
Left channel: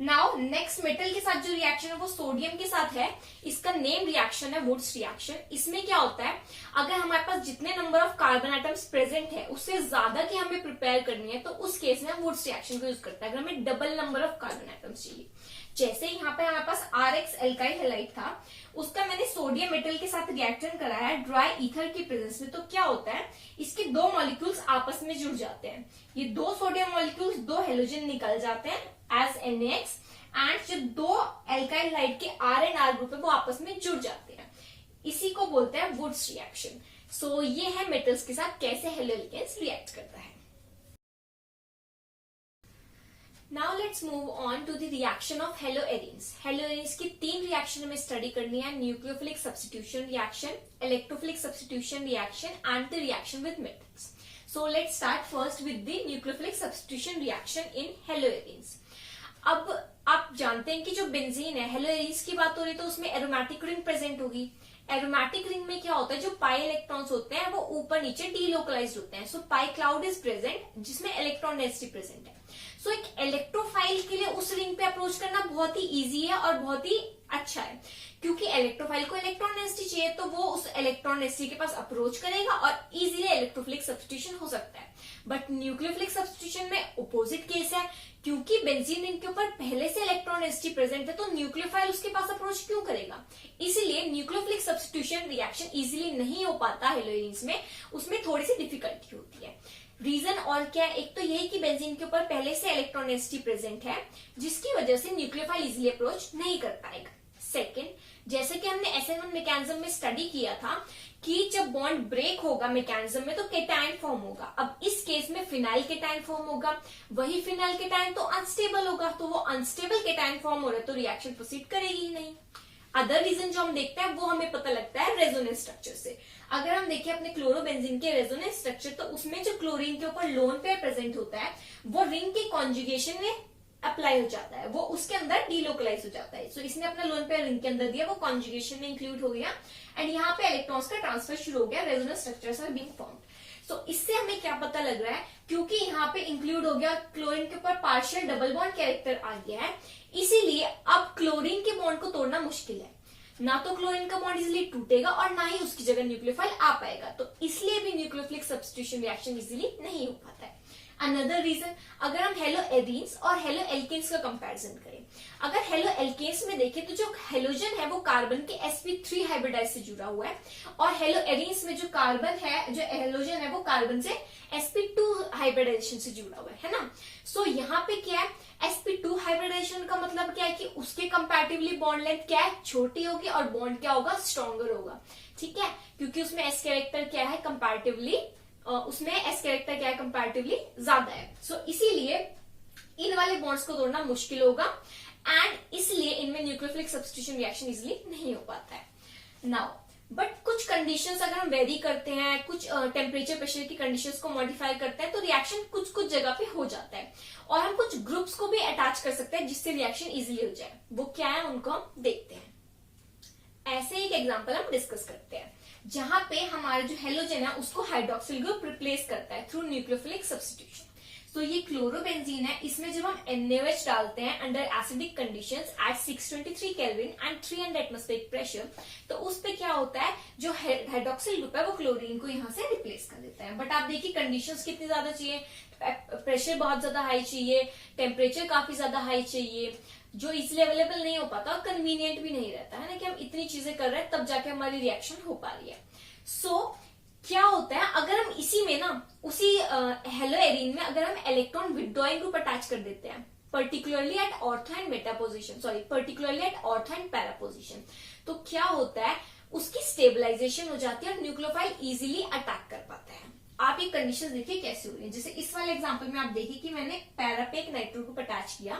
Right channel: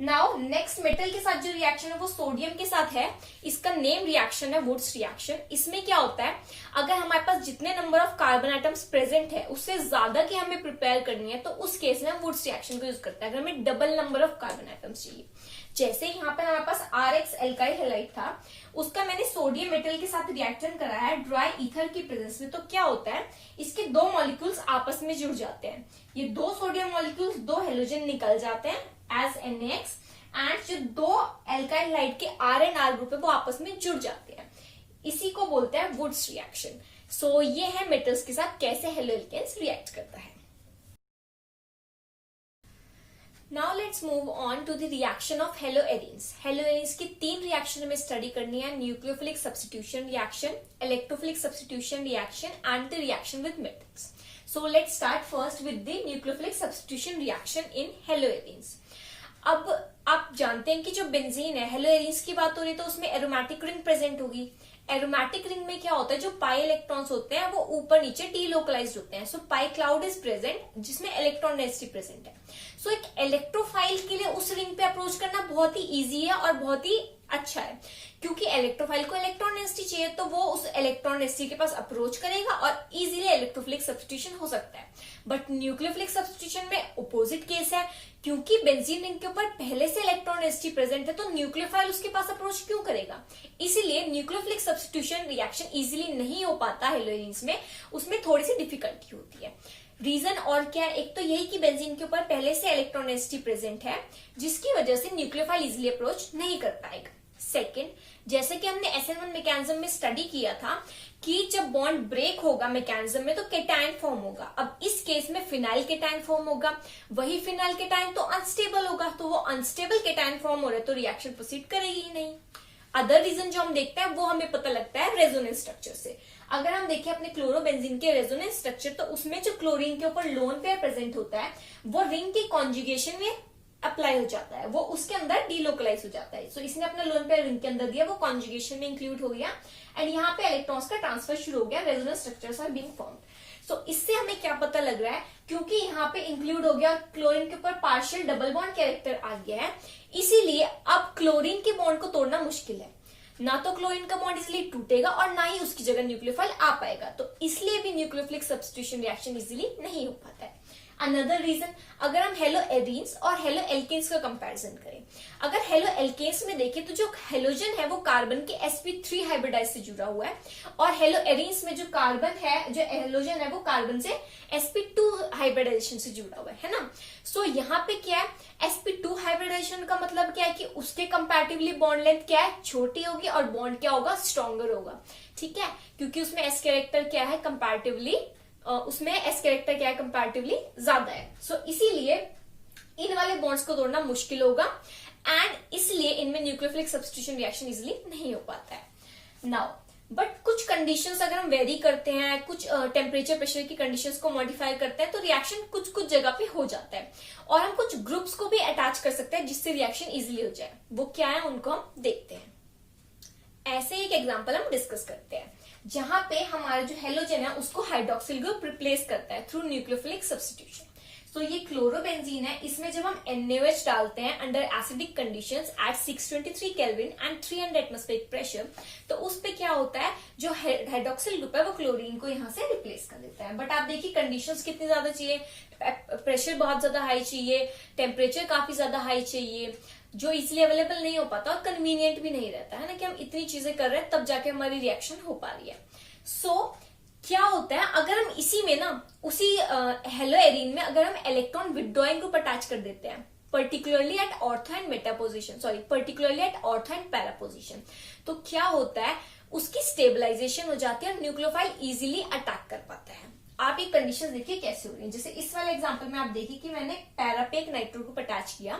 नाउ नेक्स्ट मेटल के साथ जो रिएक्शन है वो सोडियम के साथ है, इसका नेम रिएक्शन है वुड्स रिएक्शन। इसमें क्या होता है, अगर हमारे पास जितने number of carbon atoms present है उससे ज्यादा की हमें प्रिपेयर करनी है तो उस केस में हम वुड्स रिएक्शन को यूज करते हैं। अगर हमें double number of carbon atoms चाहिए, जैसे यहाँ पे हमारे पास RX एल्काइल हैलाइड था, उसका मैंने सोडियम मेटल के साथ रिएक्शन कराया है ड्राई ईथर की प्रेजेंस में, तो क्या होता है इसके दो मॉलिक्यूल्स आपस में जुड़ जाते हैं, ये दो सोडियम मॉलिक्यूल्स दो हेलोजन निकल जाते हैं एज NaX एंड जो दो एल्काइल हैलाइड के R एंड R ग्रुप है वो आपस में जुड़ जाते हैं, इसी को बोलते हैं वुड्स रिएक्शन। सो ये है मेटल्स के साथ कैसे हेलोएल्केन्स रिएक्ट करता है। Now let's move on to the reaction of haloarenes. Haloarenes की तीन रिएक्शन हमें स्टडी करनी है, nucleophilic substitution reaction, electrophilic substitution reaction and the reaction with metals. So let's start first with the nucleophilic substitution reaction in haloarenes. अब आप जानते हैं कि जो बेंजीन है, हेलोएरीन्स की बात हो रही है तो उसमें एरोमेटिक रिंग प्रेजेंट होगी। एरोमेटिक रिंग में क्या होता है, जो पाई इलेक्ट्रॉन्स होते हैं वो ऊपर नीचे डीलोकलाइज्ड होते हैं, सो पाई क्लाउड इज प्रेजेंट जिसमें इलेक्ट्रॉन डेंसिटी प्रेजेंट है। सो एक इलेक्ट्रोफाइल के लिए उस रिंग पे अप्रोच करना बहुत ही इजी है और बहुत ही अच्छा है, क्योंकि इलेक्ट्रोफाइल को इलेक्ट्रॉन डेंसिटी चाहिए तो वो उस इलेक्ट्रॉन डेंसिटी के पास अप्रोच करेगा और इजीली इलेक्ट्रोफिलिक सब्स्टिट्यूशन हो सकता है। बट न्यूक्लियोफिलिक सब्स्टिट्यूशन में अपोजिट केस है, क्योंकि बेंजीन रिंग के ऊपर पहले से इलेक्ट्रॉन डेंसिटी प्रेजेंट है तो न्यूक्लियोफाइल उसके पास अप्रोच क्यों करेगा, इसीलिए न्यूक्लियोफिलिक सब्स्टिट्यूशन रिएक्शन इजीली नहीं हो पाता हेलोएरीन्स में, उसमें थोड़ी सी डिफिकल्टी होती है। रीजन और क्या है, एक तो यही कि बेंजीन के ऊपर पहले से इलेक्ट्रॉन डेंसिटी प्रेजेंट है जिसकी वजह से न्यूक्लियोफाइल इजीली अप्रोच नहीं कर पाएगा। सेकेंड, जैसे कि हमने SN1 मैकेनिज्म में स्टडी किया था कि जब बॉन्ड ब्रेक होगा मैकेनिज्म में तो केटायन फॉर्म होगा। अब इस केस में फिनाइल केटायन फॉर्म होगा, वही फिनाइल केटायन तो अनस्टेबल होगा, तो वो अनस्टेबल केटायन फॉर्म हो रहा है तो रिएक्शन प्रोसीड करेगी ही नहीं। अदर रीजन जो हम देखते हैं वो हमें पता लगता है रेजोनेंस स्ट्रक्चर से। अगर हम देखें अपने क्लोरोबेंजीन के रेजोनेंस स्ट्रक्चर तो उसमें जो क्लोरीन के ऊपर लोन पेयर प्रेजेंट होता है वो रिंग की कॉन्जुगेशन में अप्लाई हो जाता है, वो उसके अंदर डीलोकलाइज हो जाता है। सो इसने अपना लोन पेयर रिंग के अंदर दिया, वो कॉन्जुगेशन में इंक्लूड हो गया एंड यहाँ पे इलेक्ट्रॉन्स का ट्रांसफर शुरू हो गया, resonance structures are being formed. So इससे हमें क्या पता लग रहा है, क्योंकि यहाँ पे इंक्लूड हो गया और क्लोरीन के ऊपर पार्शियल डबल बॉन्ड कैरेक्टर आ गया है, इसीलिए अब क्लोरीन के बॉन्ड को तोड़ना मुश्किल है, ना तो क्लोरीन का बॉन्ड इजिली टूटेगा और ना ही उसकी जगह न्यूक्लियोफाइल आ पाएगा, तो इसलिए भी न्यूक्लियोफिलिक सब्स्टिट्यूशन रिएक्शन इजिली नहीं हो पाता है। अनदर रीजन, अगर हम हेलो एरीन्स और हेलो एल्केन्स का कंपैरिजन करें, अगर हेलो एल्केन्स में देखें तो जो हेलोजन है वो कार्बन के sp3 हाइब्रिडाइज से जुड़ा हुआ है, और हेलो एरीन्स में जो कार्बन है, जो हेलोजन है वो कार्बन से sp2 हाइब्रिडाइजेशन से जुड़ा हुआ है ना। सो यहाँ पे क्या है, sp2 हाइब्रिडाइजेशन का मतलब क्या है कि उसके कंपैरेटिवली बॉन्ड लेंथ क्या है, छोटी होगी, और बॉन्ड क्या होगा, स्ट्रॉन्गर होगा। ठीक है, क्योंकि उसमें s कैरेक्टर क्या है कंपैरेटिवली, उसमें s कैरेक्टर क्या है कंपैरेटिवली ज्यादा है। सो इसीलिए इन वाले बॉन्ड्स को तोड़ना मुश्किल होगा, एंड इसलिए इनमें न्यूक्लियोफिलिक सब्स्टिट्यूशन रिएक्शन इजिली नहीं हो पाता है। नाउ बट कुछ कंडीशंस अगर हम वेरी करते हैं, कुछ टेम्परेचर प्रेशर की कंडीशंस को मॉडिफाई करते हैं, तो रिएक्शन कुछ कुछ जगह पे हो जाता है, और हम कुछ ग्रुप्स को भी अटैच कर सकते हैं जिससे रिएक्शन इजिली हो जाए। वो क्या है उनको हम देखते हैं। ऐसे एक एग्जांपल हम डिस्कस करते हैं जहां पे हमारा जो हेलोजन है उसको हाइड्रोक्सिल ग्रुप रिप्लेस करता है थ्रू न्यूक्लियोफिलिक सब्स्टिट्यूशन। तो ये क्लोरोबेंजीन है, इसमें जब हम NaOH डालते हैं under acidic conditions at 623 kelvin and 300 atmospheric pressure, तो उस पे क्या होता है, जो हाइड्रोक्सिल ग्रुप है वो क्लोरीन को यहाँ से रिप्लेस कर देता है। बट आप देखिए कंडीशंस कितनी ज्यादा चाहिए, प्रेशर बहुत ज्यादा हाई चाहिए, टेम्परेचर काफी ज्यादा हाई चाहिए, जो इजिली अवेलेबल नहीं हो पाता और कन्वीनियंट भी नहीं रहता है ना, कि हम इतनी चीजें कर रहे हैं तब जाके हमारी रिएक्शन हो पा रही है। सो क्या होता है, अगर हम इसी में ना, उसी हेलो एरीन में अगर हम इलेक्ट्रॉन विथड्रॉइंग ग्रुप अटैच कर देते हैं, particularly at ortho and meta position, sorry particularly at ortho and para position, तो क्या होता है, उसकी स्टेबलाइजेशन हो जाती है और न्यूक्लियोफाइल इजीली अटैक कर पाता है। आप ये कंडीशन देखिए कैसे हो रही है। जैसे इस वाले एग्जांपल में आप देखिए कि मैंने पैरा पे एक नाइट्रो ग्रुप अटैच किया,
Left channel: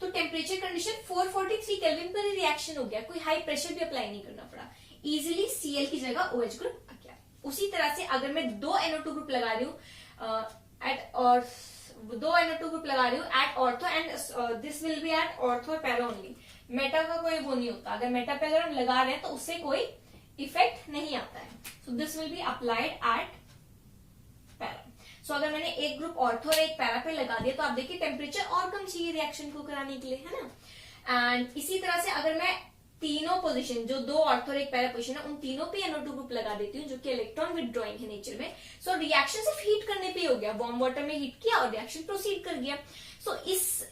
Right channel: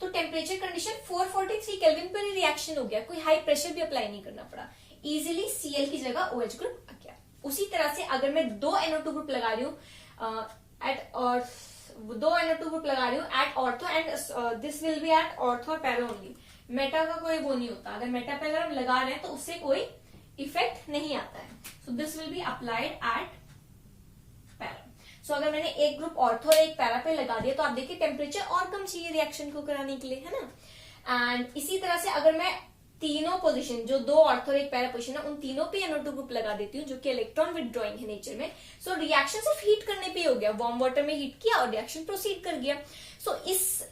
तो टेम्परेचर कंडीशन 443 केल्विन पर रिएक्शन हो गया, कोई हाई प्रेशर भी अप्लाई नहीं करना पड़ा, इजिली Cl की जगह OH ग्रुप आ गया। उसी तरह से अगर मैं दो NO2 ग्रुप लगा रही हूँ at ortho and this will be at ortho और पैरा ओनली, मेटा का कोई वो नहीं होता, अगर मेटा पे अगर हम लगा रहे हैं तो उससे कोई इफेक्ट नहीं आता है। So this will be applied at para. So अगर मैंने एक ग्रुप ऑर्थो और एक पैरा पे लगा दिया तो आप देखिए टेम्परेचर और कम चाहिए रिएक्शन को कराने के लिए, है ना। एंड इसी तरह से अगर मैं तीनों पोजीशन, जो दो ऑर्थो और एक पैरा पोजीशन है, उन तीनों पे NO2 ग्रुप लगा देती हूँ जो कि इलेक्ट्रॉन विथड्रॉइंग है नेचर में, सो रिएक्शन सिर्फ हीट करने पे हो गया, वार्म वाटर में हीट किया और रिएक्शन प्रोसीड कर गया। सो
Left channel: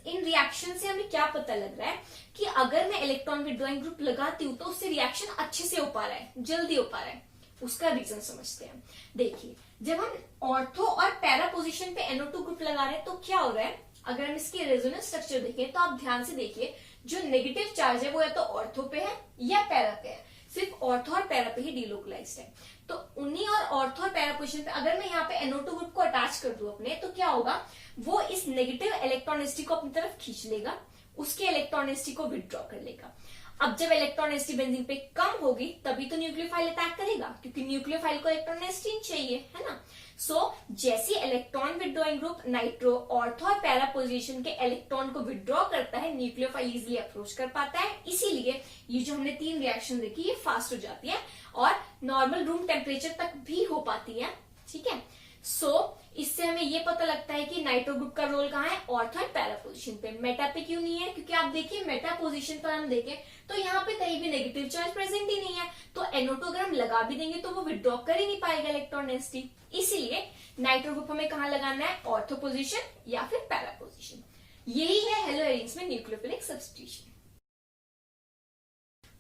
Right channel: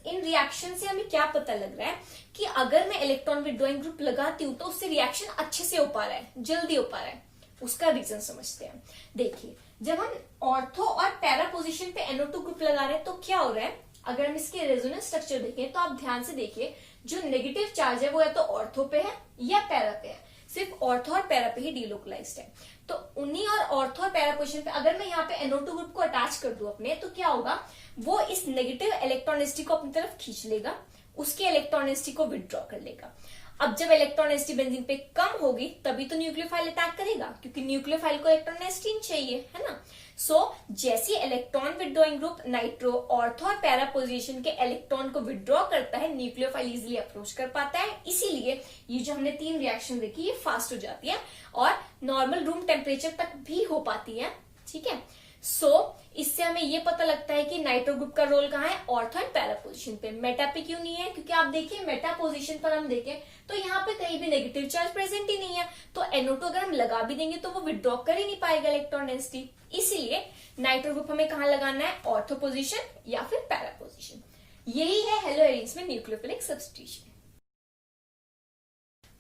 इन रिएक्शन से हमें क्या पता लग रहा है कि अगर मैं इलेक्ट्रॉन विथड्रॉइंग ग्रुप लगाती हूँ तो उससे रिएक्शन अच्छे से हो पा रहा है, जल्दी हो पा रहा है। उसका रीजन समझते हैं। देखिए जब हम ऑर्थो और पैरा पोजीशन पे NO2 ग्रुप लगा रहे हैं तो क्या हो रहा है, अगर हम इसके रेजोनेंस स्ट्रक्चर देखें तो आप ध्यान से देखिए, जो नेगेटिव चार्ज है वो या तो ऑर्थो पे है या पैरा पे है, सिर्फ ऑर्थो और पैरा पे ही डिलोकलाइज्ड है। तो उन्हीं और ऑर्थो और पैरा पोजीशन पे अगर मैं यहाँ पे NO2 ग्रुप को अटैच कर दूं अपने, तो क्या होगा, वो इस नेगेटिव इलेक्ट्रॉनिसिटी को अपनी तरफ खींच लेगा, उसके इलेक्ट्रॉनिसिटी को विथड्रॉ कर लेगा। अब जब इलेक्ट्रॉनिसिटी बेंजीन पे कम होगी तभी तो न्यूक्लियोफाइल अटैक करेगा, क्योंकि न्यूक्लियोफाइल को इलेक्ट्रॉनिसिटी चाहिए, है ना। सो जैसे electron withdrawing group nitro ortho और पैरा पोजीशन के इलेक्ट्रॉन को विथड्रॉ करता है, न्यूक्लियोफाइल इजिली अप्रोच कर पाता है। इसीलिए ये जो हमने तीन रिएक्शन देखी ये फास्ट हो जाती है और नॉर्मल रूम टेम्परेचर तक भी हो पाती है। ठीक है, सो इससे हमें ये पता लगता है कि नाइट्रो ग्रुप का रोल कहाँ है, ऑर्थो एंड पैरा पोजीशन पे। मेटा पे क्यों नहीं है, क्योंकि आप देखिए मेटा पोजीशन पर हम देखें तो यहाँ पे कहीं भी नेगेटिव चार्ज प्रेजेंट ही नहीं है, तो NO2 अगर हम लगा भी देंगे तो वो विथड्रॉ कर ही नहीं पाएगा इलेक्ट्रॉन डेंसिटी। इसीलिए नाइट्रो ग्रुप हमें कहाँ लगाना है, ऑर्थो पोजीशन या फिर पैरा पोजीशन। यही है हेलो एरीन्स में nucleophilic substitution.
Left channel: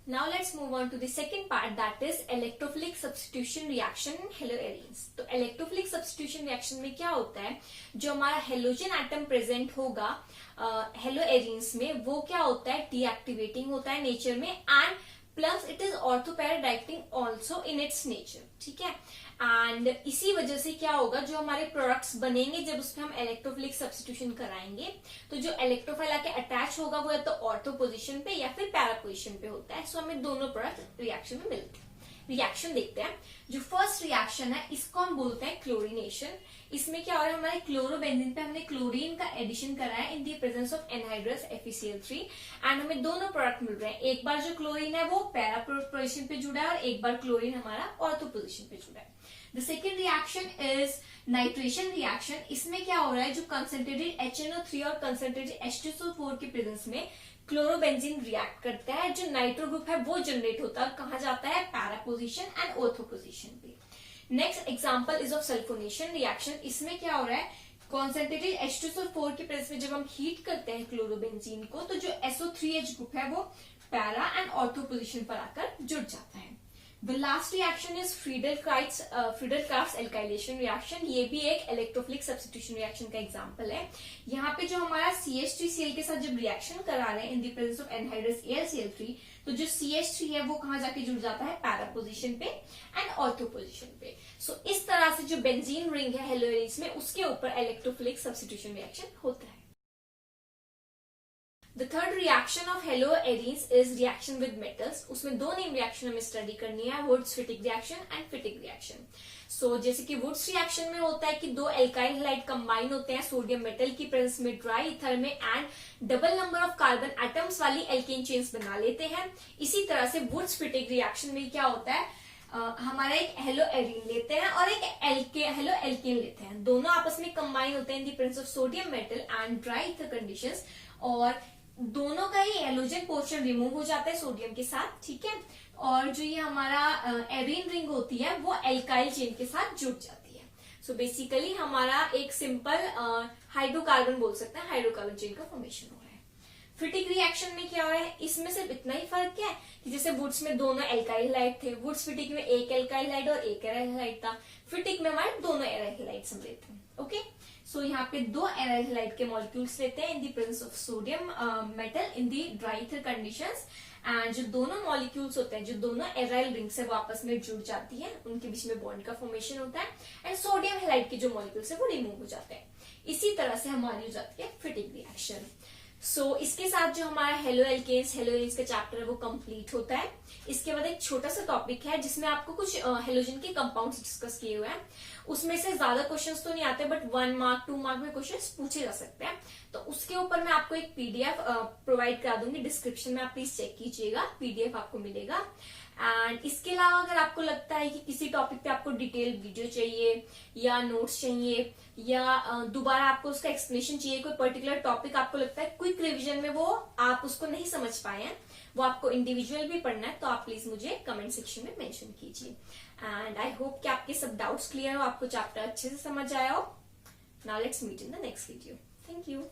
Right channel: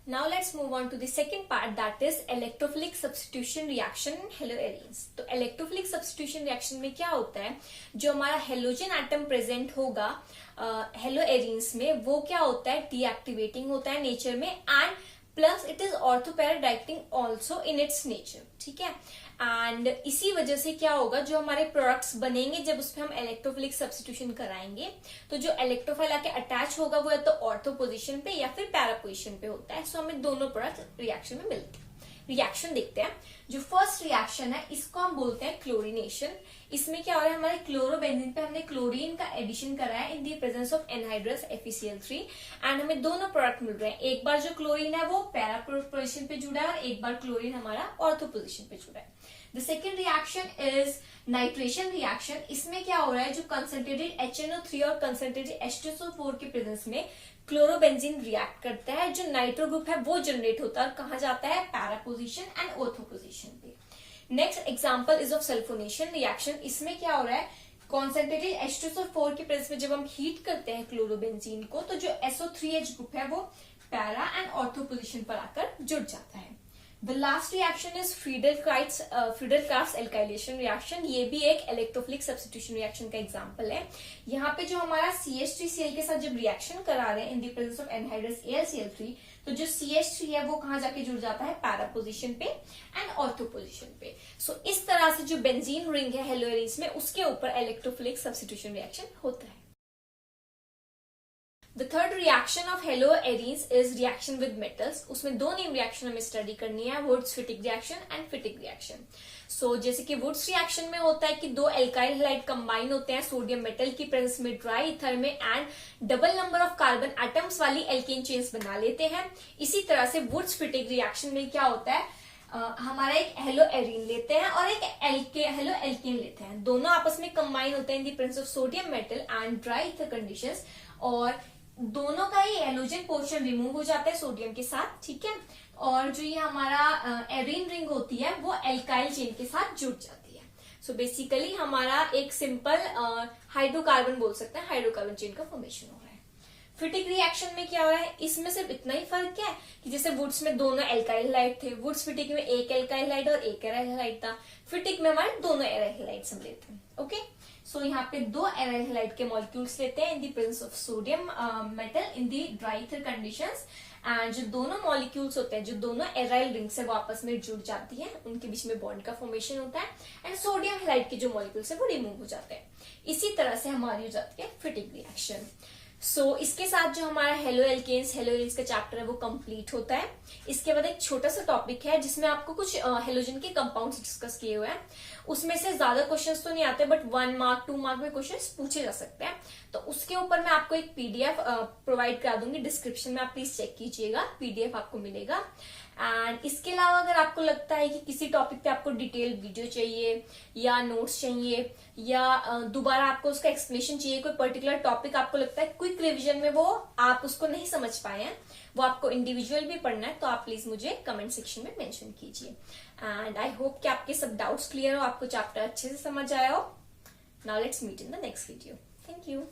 Now let's move on to the second part, that is electrophilic substitution reaction in haloarenes। तो electrophilic substitution reaction में क्या होता है, जो हमारा हेलोजन एटम प्रेजेंट होगा हेलोएरीन्स में, वो क्या होता है, डीएक्टिवेटिंग होता है नेचर में, and plus it is ortho para directing also in its nature. ठीक है, एंड इसी वजह से क्या होगा, जो हमारे प्रोडक्ट्स बनेंगे जब उसमें हम इलेक्ट्रोफिलिक सब्स्टिट्यूशन कराएंगे, तो जो इलेक्ट्रोफाइल आके अटैच होगा वो या तो ऑर्थो पोजीशन पे या फिर पैरा पोजीशन पे होता है। सो हमें दोनों प्रोडक्ट रिएक्शन में मिलते हैं। रिएक्शन देखते हैं। जो फर्स्ट रिएक्शन है इसको हम बोलते हैं क्लोरीनेशन। इसमें क्या हो रहा है, हमारे क्लोरोबेंजीन पे हमने क्लोरीन का एडिशन करा है in the presence of anhydrous FeCl3 and हमें दोनों प्रोडक्ट मिल रहे हैं। एक बार जो क्लोरीन है वो पैरा पोजीशन पे जुड़ा है और एक बार क्लोरीन हमारा ऑर्थो पोजीशन पे जुड़ा है। The second reaction is nitration reaction. इसमें क्या हो रहा है, जो कंसंट्रेटेड HNO3 और कंसंट्रेटेड H2SO4 के प्रेजेंस में क्लोरोबेंजीन रिएक्ट करता है, जो नाइट्रो ग्रुप है वो जनरेट होता है और कहा जाता है para position and ortho position पे। Next example is of sulphonation reaction. इसमें क्या हो रहा है, कॉन्सेंट्रेटेड H2SO4 की प्रेजेंस में जब हम हीट करते हैं क्लोरोबेंजीन को, तो जो SO3H ग्रुप है वो पैरा एंड ऑर्थो पोजिशन पर आकर जुड़ जाता है। The last reaction is Friedel-crafts alkylation reaction. ये भी एक इलेक्ट्रोफिलिक सब्स्टिट्यूशन रिएक्शन का एग्जांपल है। यहाँ पे जो हमारा CH3Cl के साथ जब रिएक्शन करा रहे हैं in the presence of anhydrous AlCl3, तो जो CH3 है वो कहाँ जाके जुड़ जाता है, पैरा पोजीशन पे एंड ऑर्थो पोजीशन पे। सो इस तरह से जो बेंजीन रिंग है हेलोएरिन्स में, उसके ऊपर इलेक्ट्रोफिलिक सब्स्टिट्यूशन रिएक्शन होता है। The third reaction of haloarenes is reaction with metals। उसमें दो नेम रिएक्शन हमें स्टडी करनी है, Wurtz Fittig reaction and Fittig reaction. So जैसे कि वुड्स रिएक्शन में होता है कि दो एल्काइल हैलाइड कंबाइन होते हैं सोडियम मेटल की प्रेजेंस में ड्राई ईथर में and double number of carbon atoms वाली एल्केन चेन्स बना लेते हैं। इसी तरह से वुड्स-फिटिक रिएक्शन में क्या होता है, हमारा एक हेलोएरीन लेते हैं और एक हेलो एल्केन लेते हैं, दोनों आपस में कंबाइन होते हैं in the presence of sodium metal and dry ether conditions, और दोनों का ही एलोजन पोर्शन रिमूव हो जाता है सोडियम के साथ, ठीक है। और जो ये हमारा एरीन रिंग होती है वो एल्काइल चेन के साथ जुड़ जाती है। सो बेसिकली हमारा एक सिंपल हाइड्रोकार्बन बोल सकते हैं, हाइड्रोकार्बन चेन का फॉर्मेशन हो रहा है। फिटिक रिएक्शन में क्या हो रहा है, इसमें सिर्फ इतना ही फर्क क्या है कि जैसे वुड्स में दोनों एल्काइल हैलाइड थे, वुड्स फिटिक में एक एल्काइल हैलाइड और एक एराइल हैलाइड था, फिटिक में हमारे दोनों एराइल हैलाइड्स हम लेते हैं। ओके, सो यहाँ पे दो एराइल हैलाइड के मॉलिक्यूल्स लेते हैं in the presence of sodium metal in the dry ether conditions, and जो दोनों मॉलिक्यूल्स होते हैं, जो दोनों एराइल रिंग से वो आपस में जुड़ जाती है, उनके बीच में बॉन्ड का फॉर्मेशन होता है एंड सोडियम हैलाइड के जो मॉलिक्यूल्स है वो रिमूव हो जाते हैं। इसी तरह से हमारी हो जाती है फिटिक रिएक्शन। सो इसके साथ जो हमारा हेलोएल्केन्स हेलोएरीन्स का चैप्टर है वो कंप्लीट होता है। इसके बाद एक छोटा सा टॉपिक है जिसमें आपको कुछ हेलोजन के कंपाउंड्स डिस्कस किए हुए हैं, उसमें से ज्यादा क्वेश्चंस तो नहीं आते बट 1 मार्क 2 मार्क में क्वेश्चंस पूछे जा सकते हैं। तो उसके ऊपर मैं आपको एक PDF प्रोवाइड करा दूंगी डिस्क्रिप्शन में, आप प्लीज चेक कीजिएगा, PDF आपको मिलेगा। एंड इसके अलावा अगर आपको लगता है कि किसी टॉपिक पे आपको डिटेल वीडियो चाहिए या नोट्स चाहिए या दोबारा आपको उसका एक्सप्लेनेशन चाहिए, कोई पर्टिकुलर टॉपिक आपको लगता है क्विक रिवीजन में वो आप उसको नहीं समझ पाए हैं, वो आपको इंडिविजुअल भी पढ़ना है, तो आप प्लीज मुझे कमेंट सेक्शन में मेंशन कीजिए। एंड आई होप कि आपके सब डाउट्स क्लियर हो, आपको चैप्टर अच्छे से समझ आया हो। Now let's meet in the next video. Thank you.